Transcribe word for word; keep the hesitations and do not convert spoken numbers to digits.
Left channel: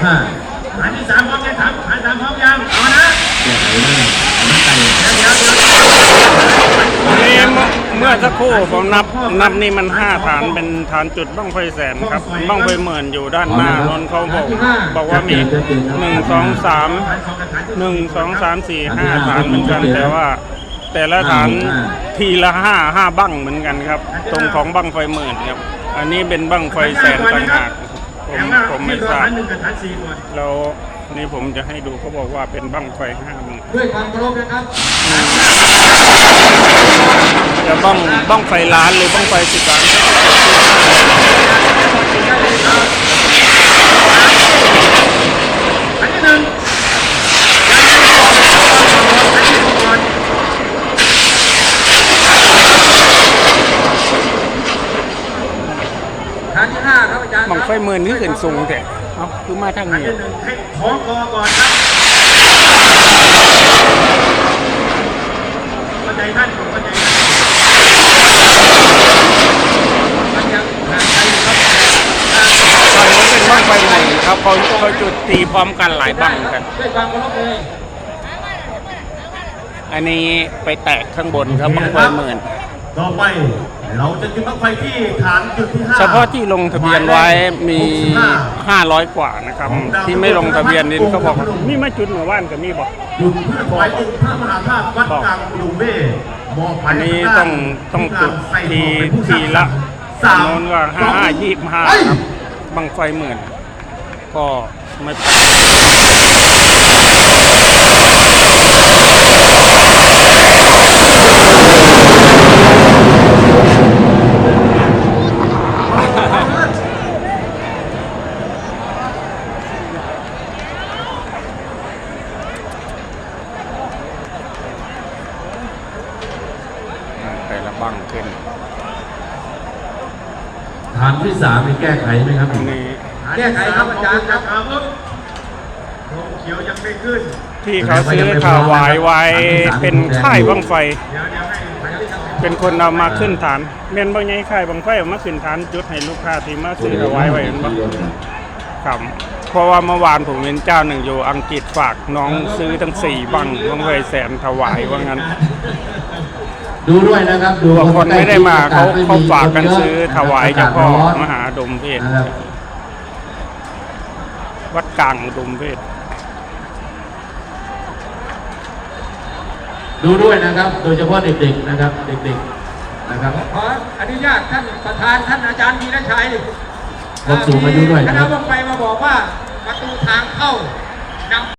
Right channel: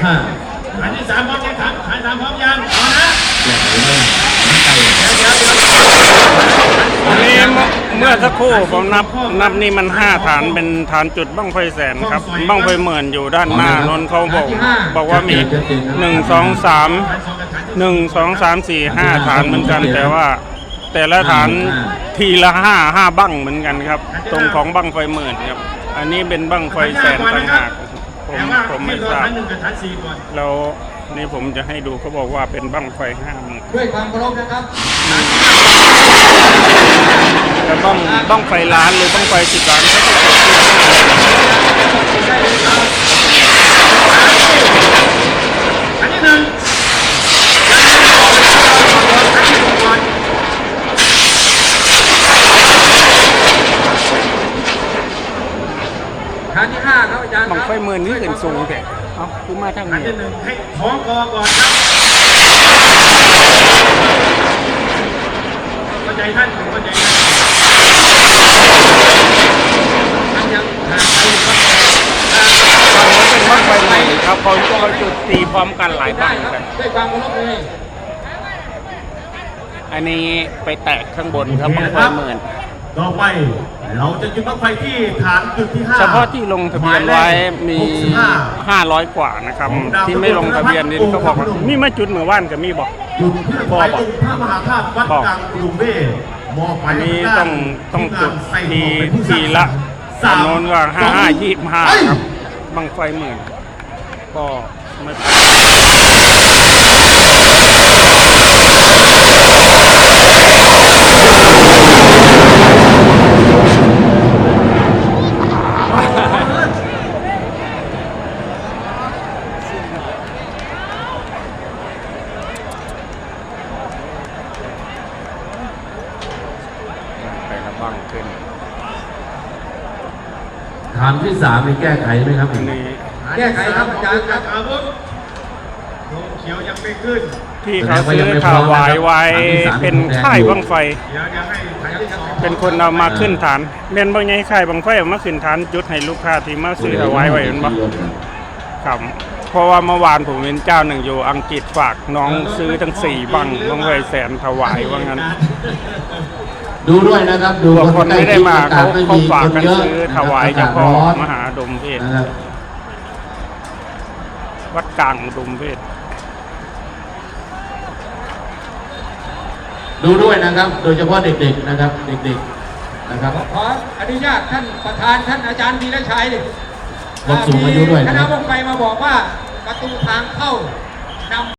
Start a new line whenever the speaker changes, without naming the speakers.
ห้าฐานที่สามพร้อมยังฐานฐานสามพร้อมยังเอานะ
นี่เมื่อสักครู่ผมนับนับนี่มันห้าฐานเป็นฐานจุดบั้งไฟแสนครับบั้งไฟหมื่นอยู่ด้านหน้านนเขาบอกบอกว่ามีหนึ่งสองสามหนึ่งสองสามสี่ห้าฐานเหมือนกันแต่ว่าแต่ละฐานทีละห้าห้าบั้งเหมือนกันครับตรงของบั้งไฟหมื่นครับอันนี้เป็นบั้งไฟแสนต่างหากผมผมไม่ทราบแล้วนี่ผมจะให้ดูเขาบอกว่าเป็นบั้งไฟห้าหมื่น
ด้วยความเคารพนะครับ
จะบ้องบ้องไฟล้านหรือบ้องไฟสิบล้านก็จะเกิดขึ้น
อันที่หนึ่ง
ฐานที่ห้าครับอาจารย์
บ้องไฟหมื่นนี่ขึ้นสูงแต่เอ้าคือมาทาง
อัน
นี้
ที่หนึ่งให้ของกอก่อนครับเข้าใจท่านเข้าใจท่าน
มันยังห่างไกลอยู่ครับ
ตอนนี้เป็นบ้องไฟหมื่นครับเขาเขาจุดตีพร้อมกันหลายบ้างกันอันนี้ไปแตกข้างบนครับบ้องไฟหมื่น
ต่อไปเราจะจุดบั้งไฟที่ฐานจุดที่ห้า
เฉพาะที่ลงทะเบียนไว้มีห้าร้อยกว่านะครับที่ไม่ลงทะเบียนนี่เขาบอกว่ามีมาจุดเหมือนว่านกับมีบอก
จุดเพื่อถวายองค์พระมหาธาตุวัดกลางลุงเบ้
อันนี้ต้องต้องจุดทีทีละจำนวนว่าห้าห้ายี่ห้าครับบังไฟหมื่นก็ไม่ไปละบังขึ้น
ฐานที่สามมีแก้ไขไหมครับ
อันนี้
แก้ไขครับอาจารย์ครับ
ที่เขาซื้อถวายไว้เป็นค่ายบังไฟเป็นคนเอามาขึ้นฐานเล่นบางไงค่ายบังไฟเอามาขึ้นฐานจุดให้ลูกค้าที่มาซื้อถวายไว้เห็นบ่ครับเพราะว่าเมื่อวานผมเห็นเจ้าหนึ่งอยู่อังกฤษฝากน้องซื้อทั้งสี่บังบังไฟแสนถวายว่างั้น
ดูด้วยนะครับ
ดูว่าคนไม่ได้มาเขาเขาฝากกันซื้อถวายเจ้าพ่อมหาดมเพชรวัดกลางดมเพชร
ดูด้วยนะครับโดยเฉพาะเด็กๆนะครับเด็กๆนะครับขออนุญาตท่านประธานท่านอาจารย์วีรชัย
คนสูงอายุด้วย
คณะวงไปมาบอกว่าประตูทางเข้า